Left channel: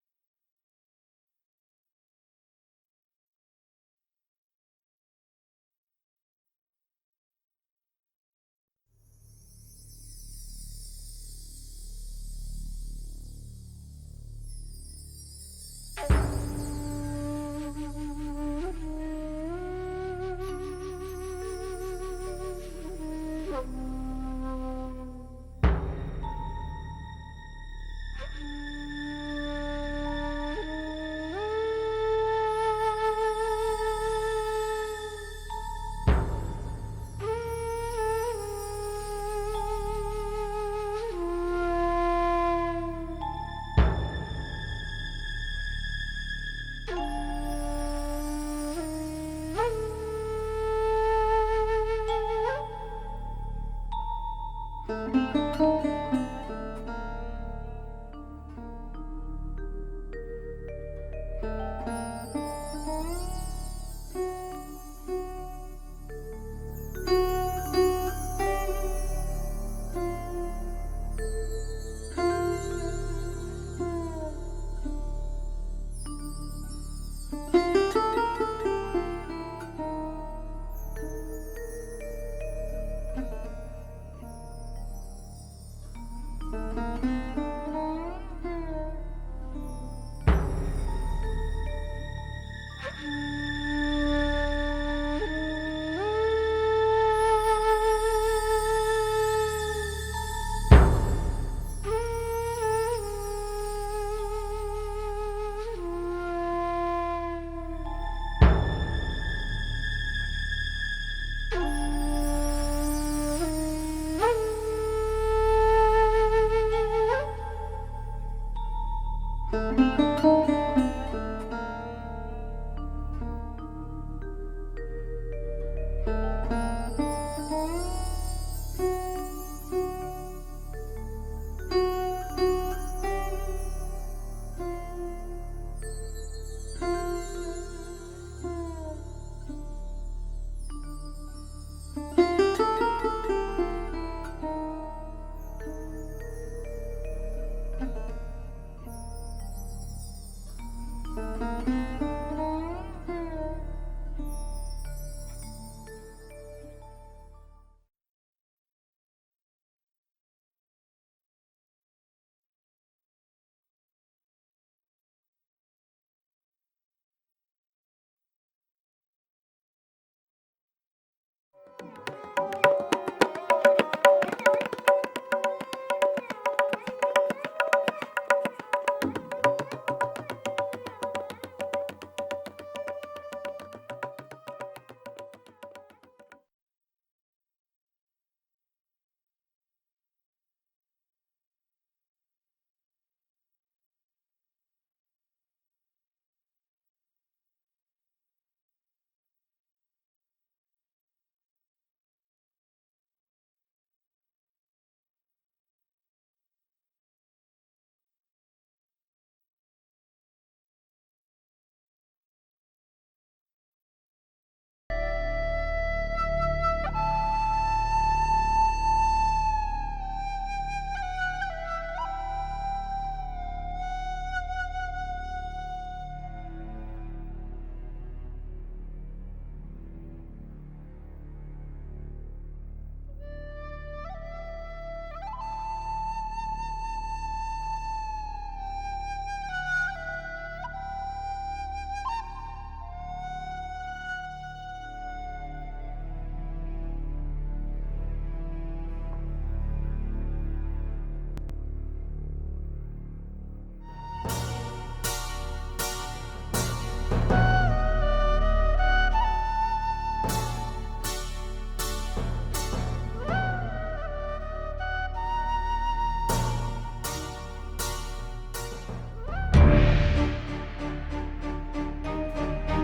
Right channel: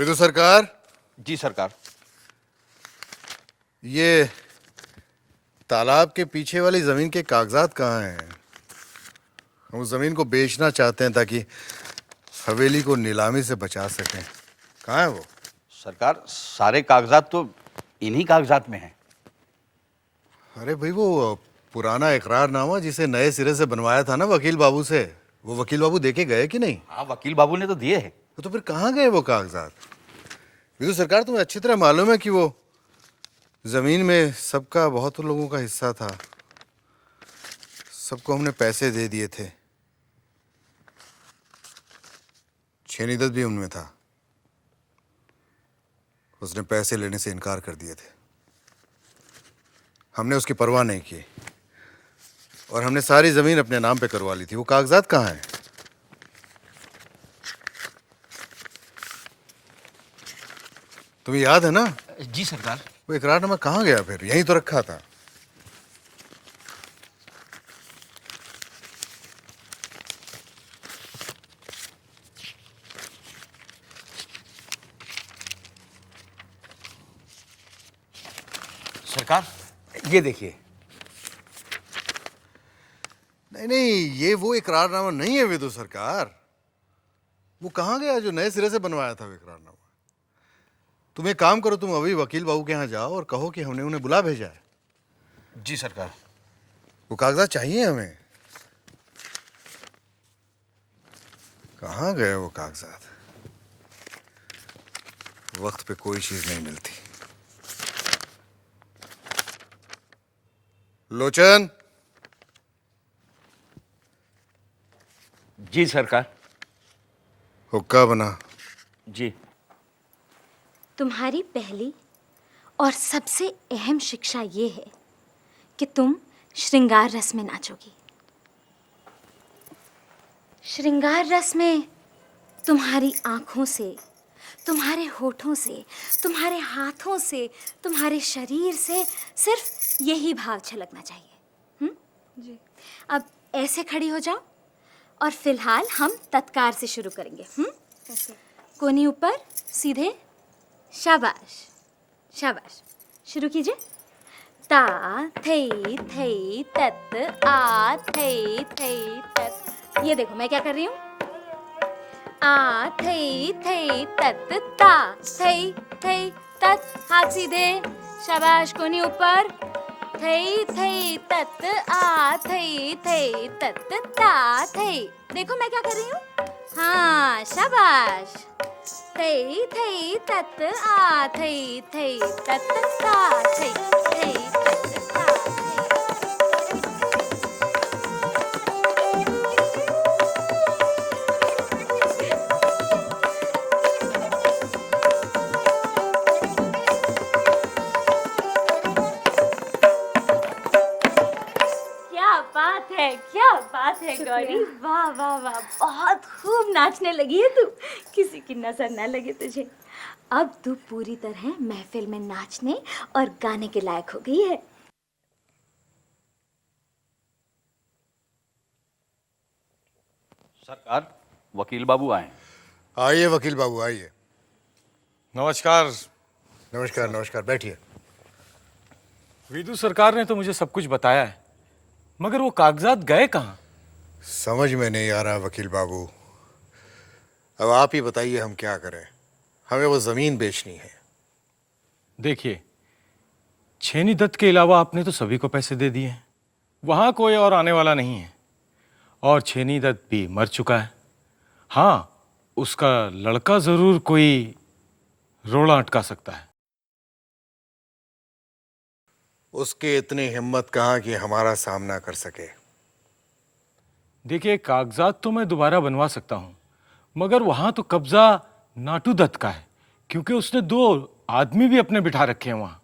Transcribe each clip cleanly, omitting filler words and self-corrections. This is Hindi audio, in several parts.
विदु सरकार, जी सरकार। ये तालाब के पीछे वाली जमीन के कागजात कहाँ हैं? हम उस जमीन को बेचना चाहते हैं ताकि हवेली को नीलामी से बचा सकें। कहाँ है वो? सरकार सारे कागजात तो इन्हीं कागजात में हैं। अरे भाई, वो पुराना इकरारनामा जिसे नए सिरे से बनवाया था ना वकील बाबू से, वो वकील बाबू देके गए कि नहीं? हाँ, वकील बाबू ने तो दिए हैं। तो फिर कहाँ गए वो कागजात? विदु सरकार, तुम्हें अच्छी तरह मालूम है कि वो जमीन में सबका बहुत लोगों का हिस्सा था। सबको हमने पैसे दे दिए थे। छेनी दत्त भी उनमें था। उसने पैसे लेने से इनकार कर दिए थे। हमने उसकी परवाह नहीं की और हमने सारी जमीन अपने नाम पे करवा ली थी। वो कागजात कहाँ हैं? तुम्हें याद है ना? जी सरकार। वो इकरारनामा कहाँ गया? फिर यहीं तो रखा था। सरकार ये देखिए। नहीं नहीं, ये वो इकरारनामा नहीं है विदु सरकार। वो कहाँ गया जो नए सिरे से बनवाया था वो इकरारनामा? तुम एक काम करो, तुम अभी वकील बाबू के यहाँ जाओ और कहो कि हमने उन्हें बुला भेजा है। जी सरकार। वो कागजात चाहिए हमें। कहाँ गए वो कागजात? वक्त पे कोई चीज नहीं मिलती। लोचन, जी सरकार। हुक्का बना। जी। तुम्हारी पहली और सबसे अहम शिक्षा ये है कि तुम श्रृंगार रस में नाचोगी। श्रृंगार रस में तुम्हारी आंखों से, तुम्हारे होठों से, तुम्हारे हाथों से, तुम्हारे शरीर से सिर्फ यही भाव छलकना चाहिए। अब ऐसे खड़ी हो जाओ और फिलहाल हम तत्कार से शुरू करेंगे। कोनी ऊपर, सीधे। शाबाश शाबाश। शुरू कीजिए। ता थई थई तत आ थई थई तत। ये देखो मैं क्या कर रही हूँ। आ थई थई तत ता थई थई तत। हाथ सीधे। शाबाश। कोनी ऊपर। थई थई तत आ थई थई तत ता थई। देखो मैं क्या कर रही हूँ। हाँ शाबाश। थई थई तत आ थई थई तत ता थई थई तत ता थई। क्या बात है गौरी। वाह वाह वाह, बहुत खूब नाचने लगी है तू। किसी की नजर न लगे तुझे। अब तू पूरी तरह महफिल में नाचने और गाने के लायक हो गई है। सरकार वकील बाबू आए। आइए वकील बाबू, आइए। नमस्कार। नमस्कार नमस्कार, बैठिए। विदु सरकार ने तो मुझे सब कुछ बताया है, मगर वो कागजात गए कहाँ? समझ में नहीं आ रहा वकील बाबू। अब आप ही बताइए हम क्या करें। हमें वो जमीन बेचनी है। देखिए, छेनी दत्त के अलावा आपने तो सभी को पैसे दे दिए हैं। वहां कोई और आने वाला नहीं है और छेनी दत्त भी मर चुका है। हाँ, उसका लड़का जरूर कोई रोड़ा अटका सकता है। उसकी इतनी हिम्मत कहाँ कि हमारा सामना कर सके। देखिए, कागजात तो मैं दोबारा बनवा सकता हूँ, मगर वहां तो कब्जा नाटू दत्त का है, क्योंकि उसने 2 आदमी भी अपने बिठा रखे हैं वहां।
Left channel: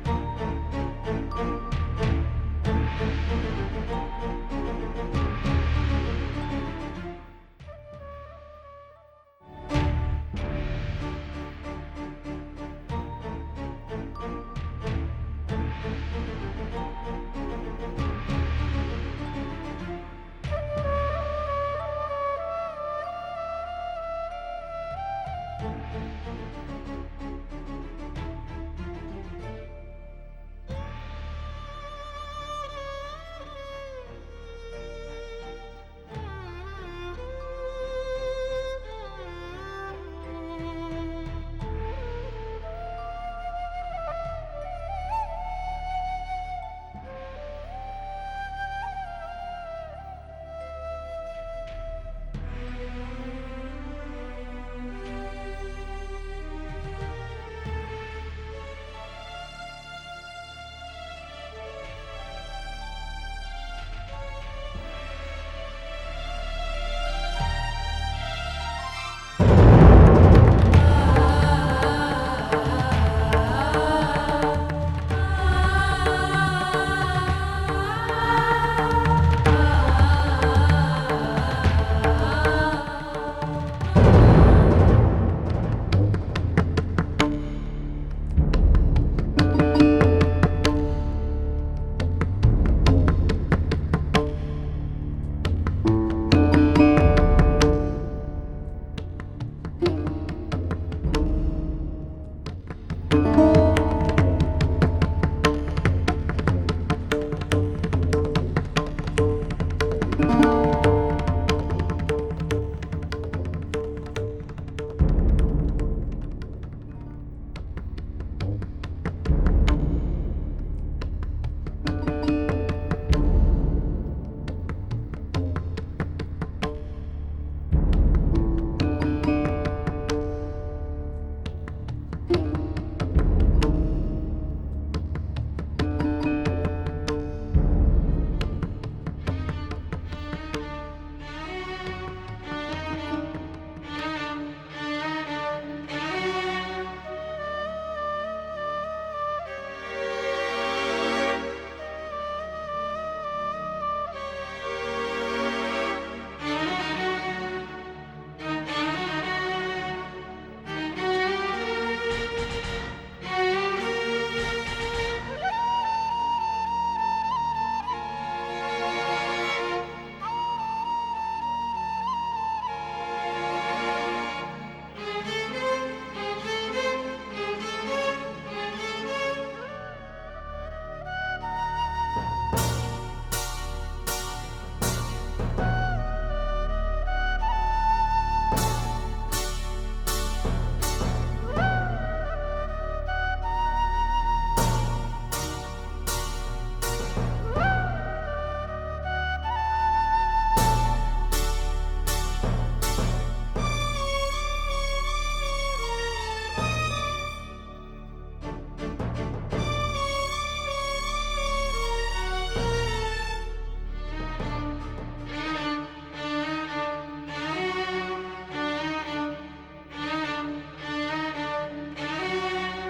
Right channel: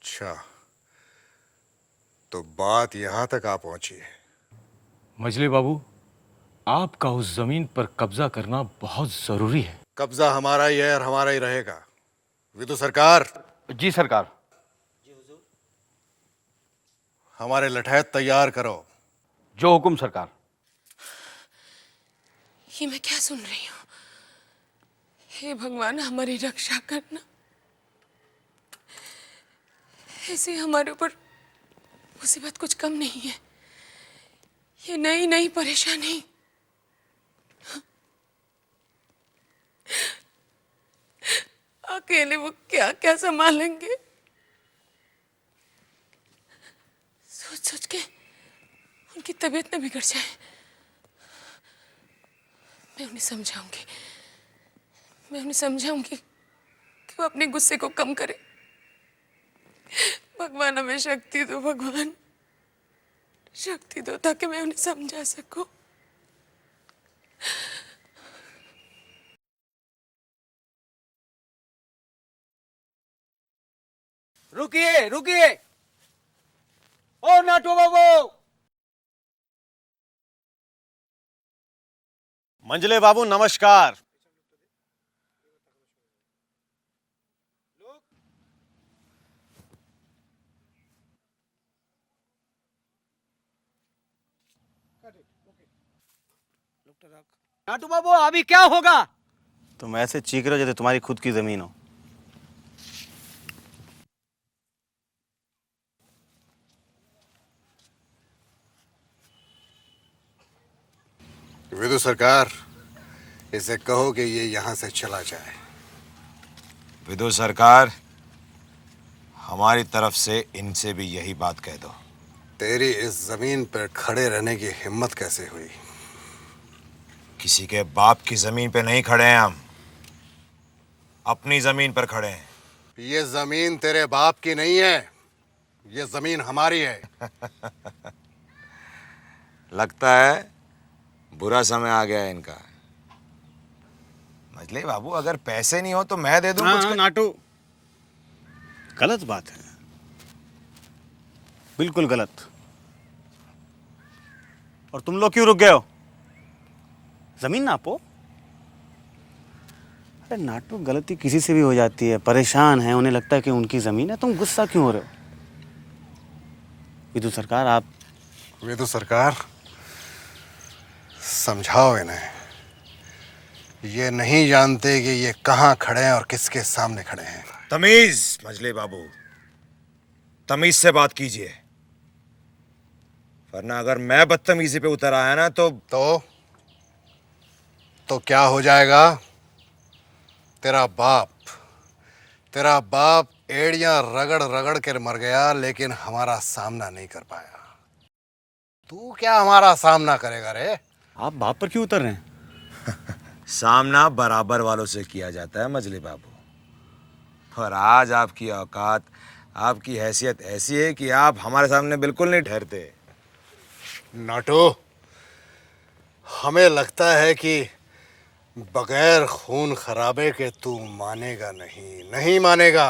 अच्छा, तो बात यहाँ तक आ पहुंची है। मजले बाबू, आपका उस जमीन पर कब्जा करना बहुत जरूरी है। कब्जा हमारा ही है और हमारा ही रहेगा। विदु सरकार, जी सरकार। हमारे लठैत तैयार करो। जो हुकुम सरकार। ये मैं क्या सुन रही हूँ? हे भगवान, हमारी रक्षा करना। ऐसे हमारे ऊपर मुसीबत कुछ कम नहीं है। ये नई नई परेशानी। अकेले वो क्या क्या संभालेंगे? सोच सोच के उनकी तबीयत न बिगड़ जाए। मैं उन्हें समझाऊंगी कि वो अपने गुस्से को कम करे। भगवान हमें शक्ति दो, भगवान शक्ति दो, ताकि मैं उन्हें समझा सकूं। रुकिए रुकिए, ओ नाटू बाबू। मंजले बाबू नमस्कार। नाटू बाबू, अभी क्या होगा? तुम ऐसे चीख रहे हो जैसे तुम्हारी खुद की जमीन हो। विदु सरकार, इसे कहो कि ये यहाँ से चला जाए। विदु सरकार, हमारी तरफ से इनसे भी यही बात कह दो। तेरी इस जमीन पर खड़े रहने की हिम्मत कैसे हुई? किसी के बाप की जमीन पे नहीं खड़े हैं हम, अपनी जमीन पर खड़े हैं। ये जमीन तेरे बाप की नहीं है, ये जमीन हमारी है। लगता है बुरा समय आ गया है इनका। मजले बाबू, अगर पैसे नहीं हो तो मैं दे दूं कुछ। नाटू, गलत बात है, बिल्कुल गलत। और तुम लोग क्यों रुक गए हो? जमीन नापो। नाटू, गलती किसी से भी हो जाती है। परेशान है, उन्हें लगता है कि उनकी जमीन है। तुम गुस्सा क्यों हो रहे हो? विदु सरकार, आप विदु सरकार, समझाओ इन्हें। ये नहीं जानते कि ये कहाँ खड़े हैं और किसके सामने खड़े हैं। तमीज मजले बाबू, तमीज से बात कीजिए, वरना अगर मैं बदतमीजी पे उतर आया ना तो क्या हो जाएगा? तेरा बाप एड़ियां रगड़ रगड़ कर मर गया, लेकिन हमारा सामना नहीं कर पाया। तू क्या हमारा सामना करेगा रे? आप बाप पर क्यों उतर रहे हैं? सामना बराबर वालों से किया जाता है मजले बाबू। और आज आपकी औकात, आपकी हैसियत ऐसी है कि आप हमारे सामने बिल्कुल नहीं ठहरते। नाटू, हमें लगता है कि बगैर खून खराबे के तू मानेगा नहीं मानेगा।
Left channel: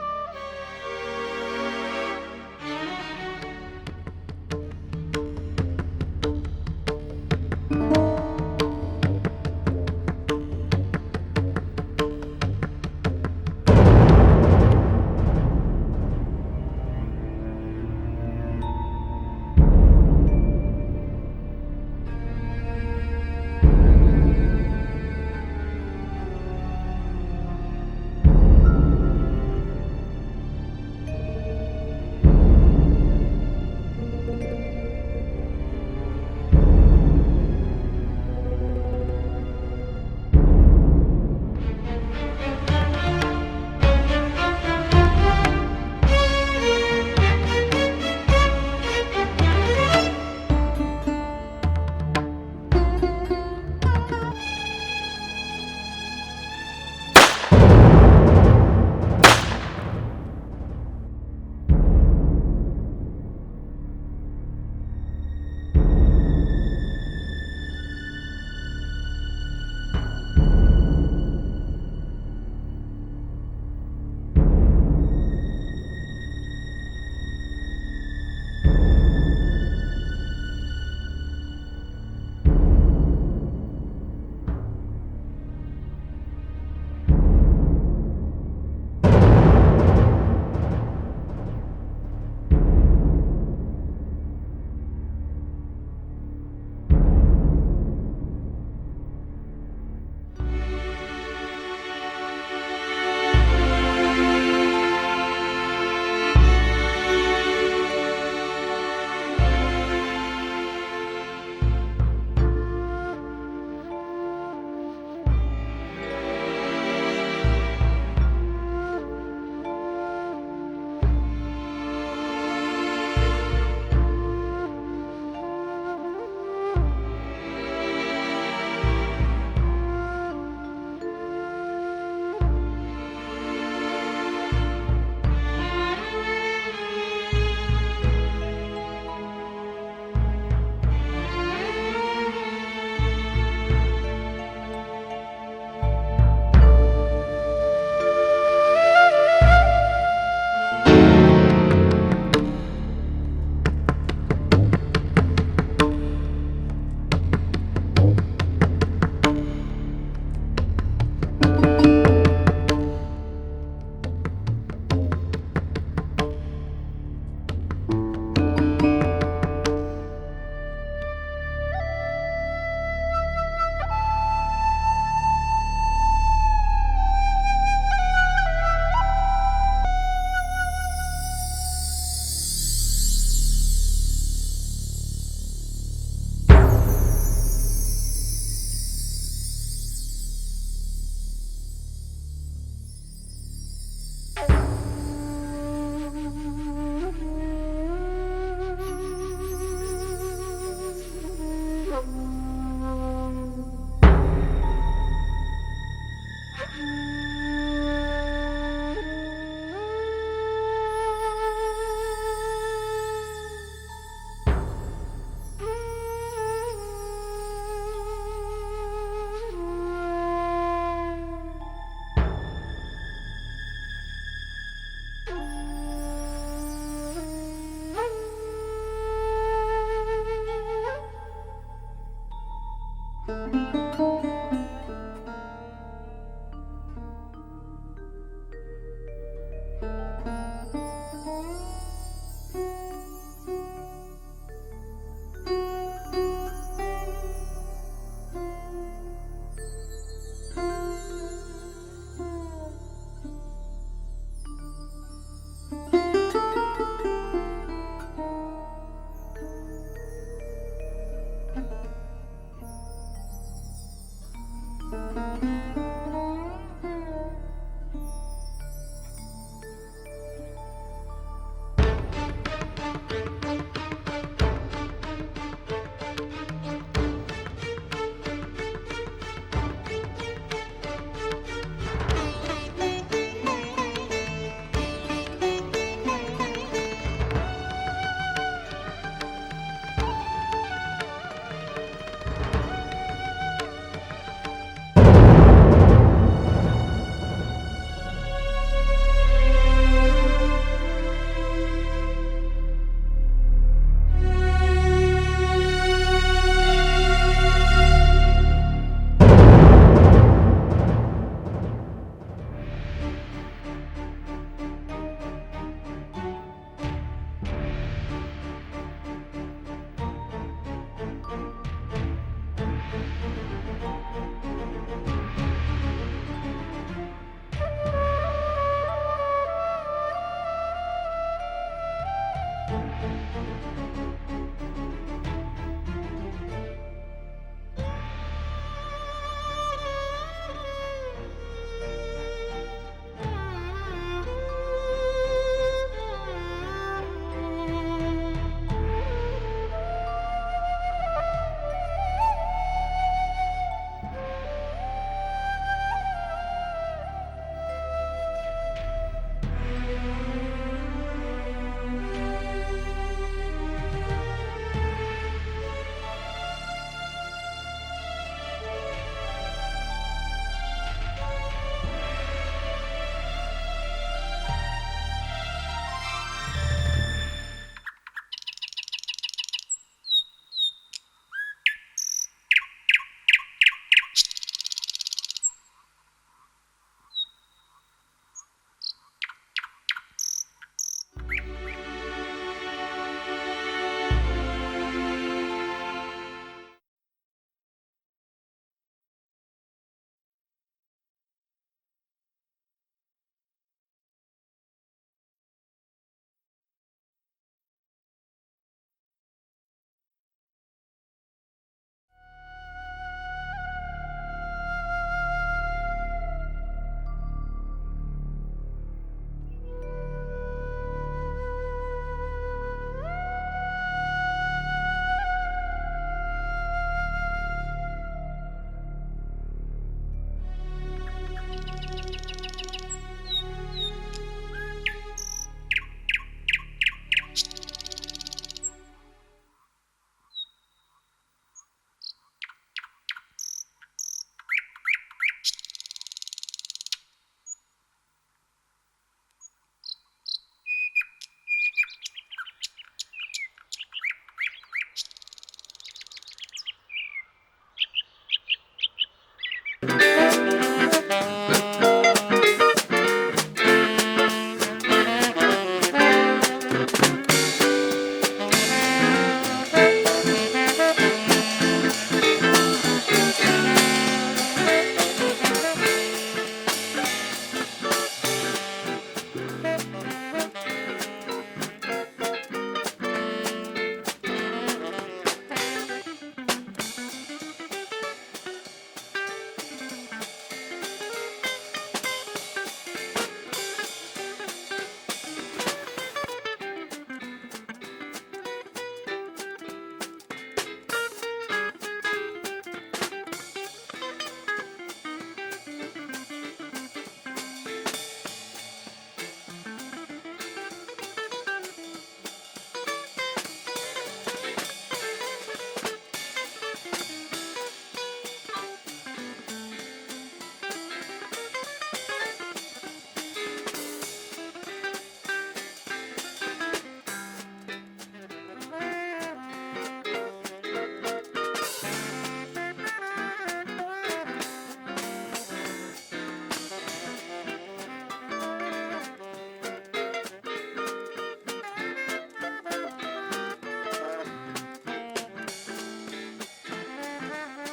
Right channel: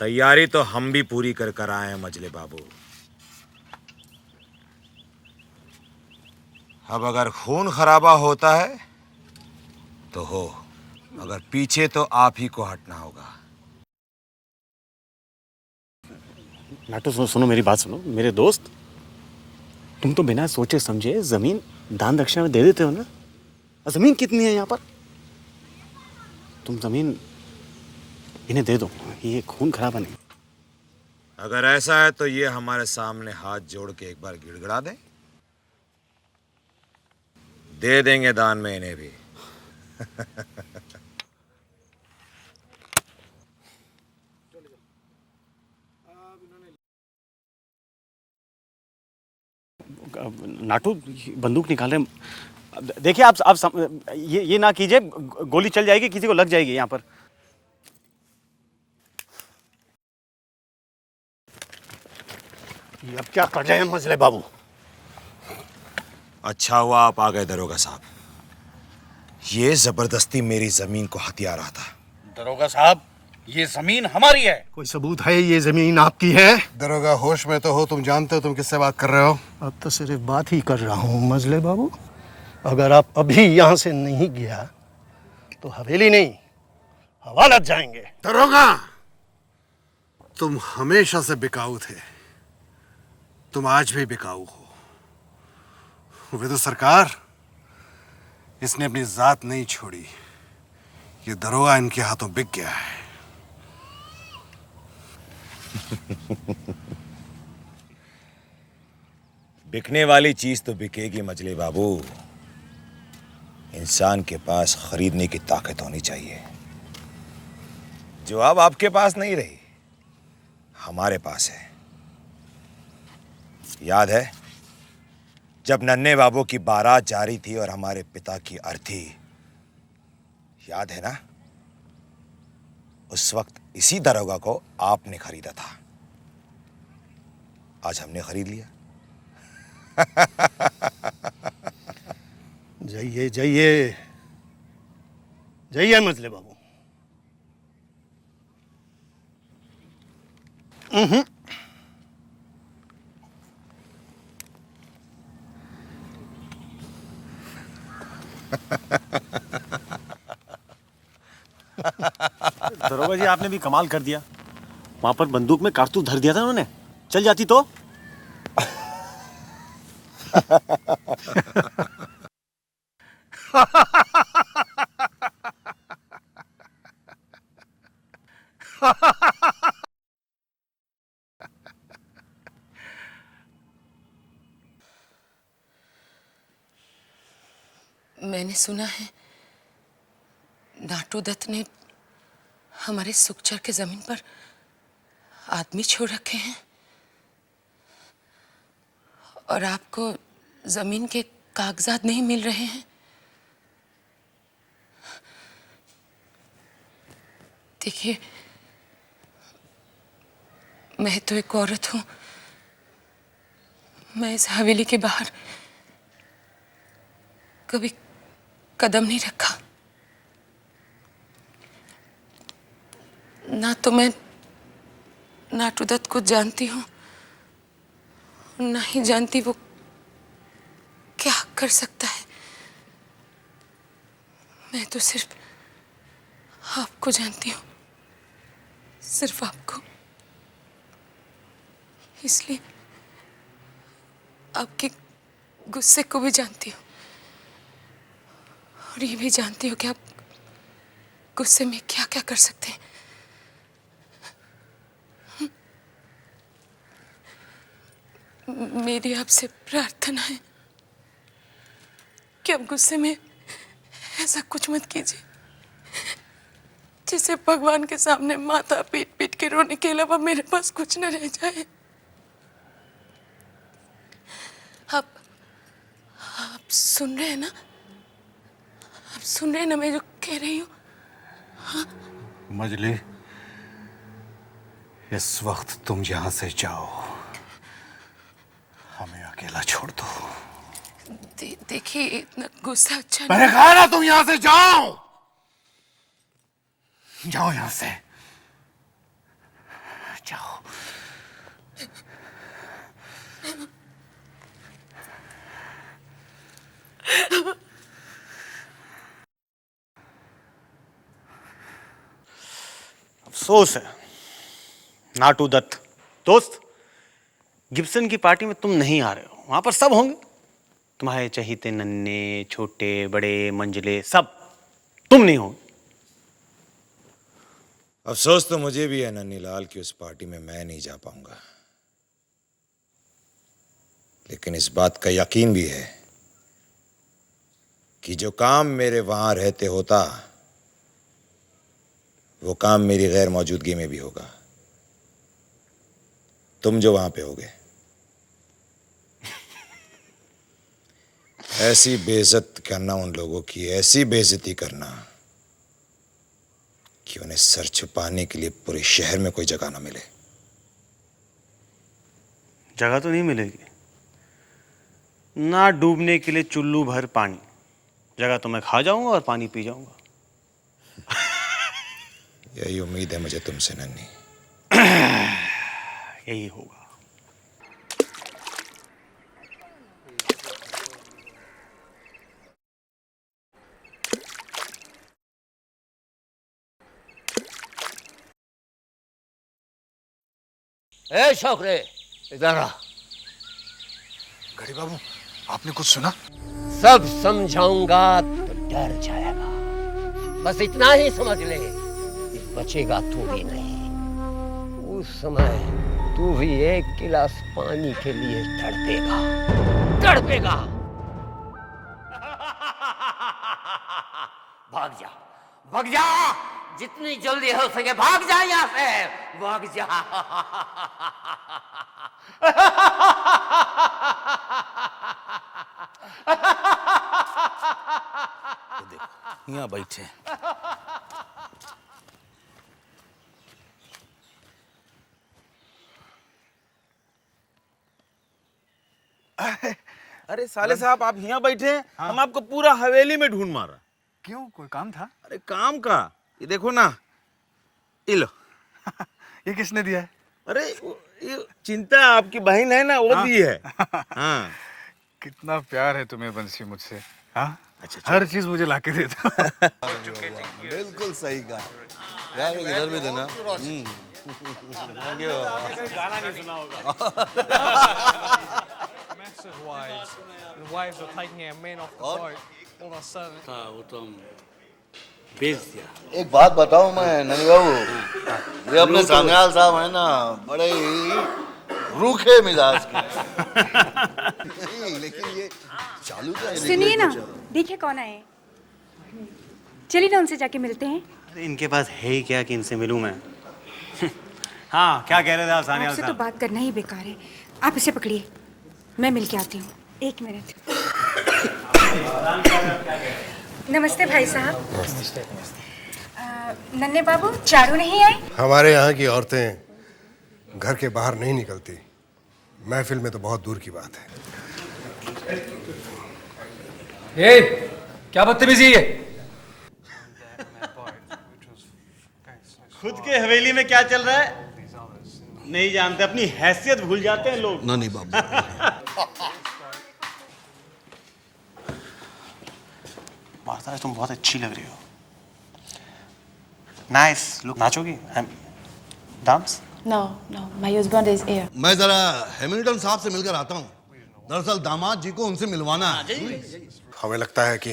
तैयारी तो हम भी पूरी कर कर आए हैं मजले बाबू। अब अगर खून खराबा होता है तो हो, अगर पीछे तो आप ही को हटना होगा। नाटू, सुनो मेरी बात सुनो। मेरे दोस्त, तुम तो बिना सोचे समझे जमीन दान दक्षिणा में दे देते हो ना। जमीन कितनी है यहाँ पर? तुम जमीन इन्हें दे दो, ये खून खराबा नहीं। अगर ऐसा है तो ये हमारे सामने हाथ जोड़ के एक बार गिड़गिड़ा दे देंगे दान में इन्हें भी। नाटू, बंदूक निकाल रहे। देखिए आप ये ना कीजिए, गोली चल जाएगी, किसी को लग जाएगी यहाँ पर। अब क्या कर रहे हैं मजले बाबू? अच्छा हुआ आप आ गए दरोगा साहब। ये जबरदस्ती मेरी जमीन को हथिया रहा था। दरोगा साहब, ये जमीन हमारी है। कोई सबूत है ये जमीन आपकी है? दरोगा, होश में तो हो? तुम जानते हो तुम किससे बात कर रहे हो? अब तो सिर्फ बात ही कर रहा हूँ मजले बाबू। अगर आप अभी यहाँ से नहीं गया तो हवेली नहीं, हवालात जाएंगे। दरोगा, तुम हमेशा से बिकाऊ थे। तुम आज भी बिकाऊ हो। विदु सरकार, इसने अपनी जात नहीं छोड़ी। ये दरोगा इनके हाथों बिक गया है। बिकने वाली चीज तो बिकेगी मजली बाबू। इंसान के पास खरीदने की ताकत होनी चाहिए, जो अब आपके पास नहीं रही, हमारे पास है। याद है जब नन्हे बाबू की बारात जा रही थी और हमारे पिता की अर्थी, याद है ना? उस वक्त इसी दरोगा को आपने खरीदा था। आज हमने खरीद लिया। जाइए जाइए जाइए मजले बाबू। दरोगा जी, आपने भी कमाल कर दिया। वहां पर बंदूक में कारतूस धर दिया था उन्होंने। चल जाती तो। मैंने सुना है नाटू दत्त ने हमारे सुखचर के जमीन पर आदमी छोड़ रखे हैं और आपको जमीन के कागजात नहीं मिल रहे हैं। देखिए, मैं तो एक औरत हूं। मैं इस हवेली के बाहर कभी कदम नहीं रखा। ना तो मैं नाटू दत्त को जानती हूँ, ना ही जानती वो क्या कर सकता है। मैं तो सिर्फ आपको जानती हूँ, सिर्फ आपको। इसलिए आपके गुस्से को भी जानती हूँ और ये भी जानती हूँ कि आप गुस्से में क्या क्या कर सकते हैं। मेरी आपसे प्रार्थना है कि आप गुस्से में ऐसा कुछ मत कीजिए जिससे भगवान के सामने माथा पीट पीट के रोने के अलावा मेरे पास कुछ न रह जाए। आप सुन रहे हैं ना? आप सुन रहे हैं ना मैं जो कह रही हूँ? मजली, इस वक्त तुम यहां से जाओ, हमें अकेला छोड़ दो। देखिए, इतना गुस्सा अच्छा मैंने कहा ना तुम यहां से जाओ। जाओ यहां से। जाओ। अफसोस है नाटू दत्त दोस्त, गिब्सन की पार्टी में तुम नहीं आ रहे हो। वहां पर सब होंगे, तुम्हारे चहीते नन्हे छोटे बड़े मंजिले सब, तुम नहीं हो। अफसोस तो मुझे भी है नन्हीलाल की उस पार्टी में मैं नहीं जा पाऊंगा, लेकिन इस बात का यकीन भी है कि जो काम मेरे वहां रहते होता वो काम मेरी गैर मौजूदगी में भी होगा। तुम जो वहां पे होगे, ऐसी बेइज्जत करना उन लोगों की, ऐसी बेइज्जती करना कि उन्हें सर छुपाने के लिए पूरे शहर में कोई जगह ना मिले। जगह तो नहीं मिलेगी ना, डूबने के लिए चुल्लू भर पानी। जगह तो मैं खा जाऊंगा और पानी पी जाऊंगा। यही उम्मीद है मुझे तुमसे नन्ही। यही ए छोकरे, इधर आ। कुछ सुना? सब समझाऊंगा तो डर जाएगा। बस इतना ही समझ ले कि बचेगा तू भी नहीं। उस समय तू भी एक गिलास पानी के लिए तड़पेगा, तड़पेगा। भाग जा, भाग जा, जितनी जल्दी हो सके भाग जा यहाँ से, भाग जा। यहाँ बैठे। अरे साले साहब, आप यहाँ बैठे हैं, हम आपको पूरा हवेली में ढूंढ मारा। क्यों, कोई काम था? अरे काम का, ये देखो ना, ये लो। ये किसने दिया है? अरे ये चिंता आपकी बहन है ना, वो दी है। हाँ। कितना प्यार है तुम्हें बंसी मुझसे। हाँ, हर चीज मुझे लाके देता। एक बात बताऊं मैं ननी बाबू, ये अपने सान्याल साहब है ना, बड़े ही रूखे मिजाज। सुनिए ना, देखिए कौन आए। चलिए ना उनसे जाके मिलते हैं। इनके पास है ही क्या कि इनसे मिलूं मैं? हाँ, क्या कह रहे थे आप सानिया आपसे साहब? तो बात करना ही बेकार है। आप इसे पकड़िए, मैं मिल के आती हूँ। एक मिनट। नमस्ते भाई साहब। नमस्ते। नन्हे बाबू, चारू नहीं आए? हमारे यहाँ की औरतें घर के बाहर नहीं निकलती। महफिल में तो बहुत दूर की बात है। ये क्या बदतमीजी है? खुद के हवेली में क्या चल रहा है नहीं जानते, अपनी हैसियत भूल जाते हैं लोग। नहीं बाबू। तुम बहुत अच्छी लग रही हो। Nice look. नाचोगी? Dance? No, my husband is here. मैं जरा हैमिल्टन साहब से मिलकर आता हूँ। दरअसल दामाद जी को उनसे मिलवाना है। हमें लगता है कि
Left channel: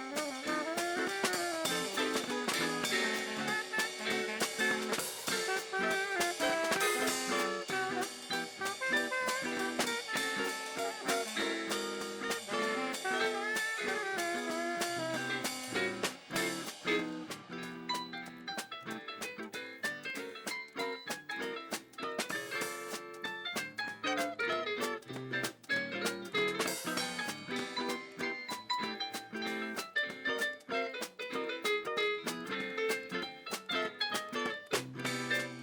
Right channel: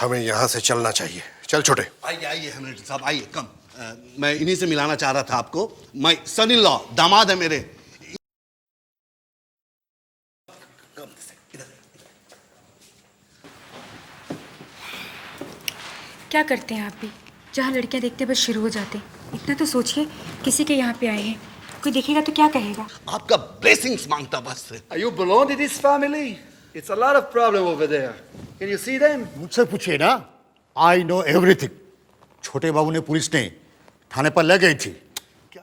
हमें यहाँ से चलना चाहिए। चल छोटे। आइए आइए हैमिल्टन साहब, आइए कम। मैं इन्हीं से मिलाना चाह रहा था आपको। मैं सन इन लॉ, दामाद है मेरे। क्या करते हैं आप भी? जहाँ लड़कियाँ देखते बस शुरू हो जाते। इतना तो सोचिए, किसी के यहाँ पे आए हैं, कोई देखेगा तो क्या कहेगा? आपका ब्लेसिंग्स मांगता बस। You belong to this family? It's a lot of problem over there. Can you see them? मुझसे पूछिए ना। I know everything. छोटे बाबू ने पुलिस ने थाने पर ले गई थी,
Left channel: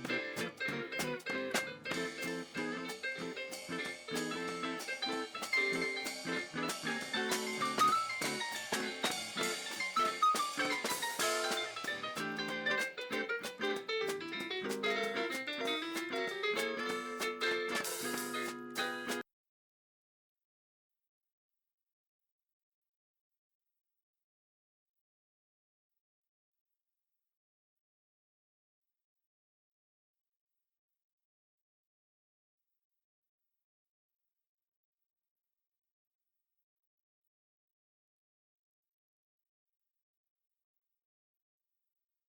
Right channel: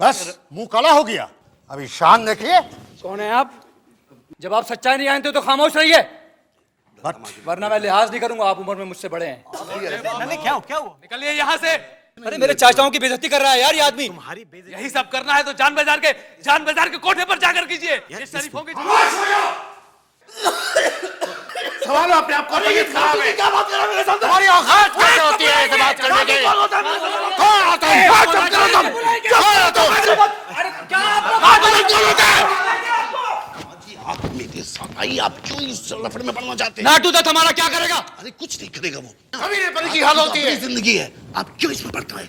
बस मुंह काला हो गया। अभी शान देखिए। कौन है आप? जब आप सच्चाई नहीं जानते तो खामोश रहिए, वरना मैं लिहाज नहीं करूंगा। आप उम्र में मुझसे बड़े हैं। क्या निकलिए यहाँ से। अरे मेरे चाचाओं की बेइज्जती कर रहा है यार ये आदमी। यही सब करना है तो जान बाजार के कोठे पर जाकर कीजिए। ये शरीफों की सवाल अपने आप को तबीयत खराब है। क्या बात कर रहा है मेरे सामने? तुम्हारी औकात कैसे होती है ऐसे बात करने की? कौन आता है? बात करो तुम। कौन आता है? अरे क्या आप आप मेरे साथ आइए। आप क्यों इस लफड़े में पड़ना चाहते हैं? नाटू दत्त हमारा क्या करेगा? अरे कुछ नहीं करेगा वो। कभी नहीं पता की हाल होती है। जिंदगी है, आप क्यों इसमें पड़ता है?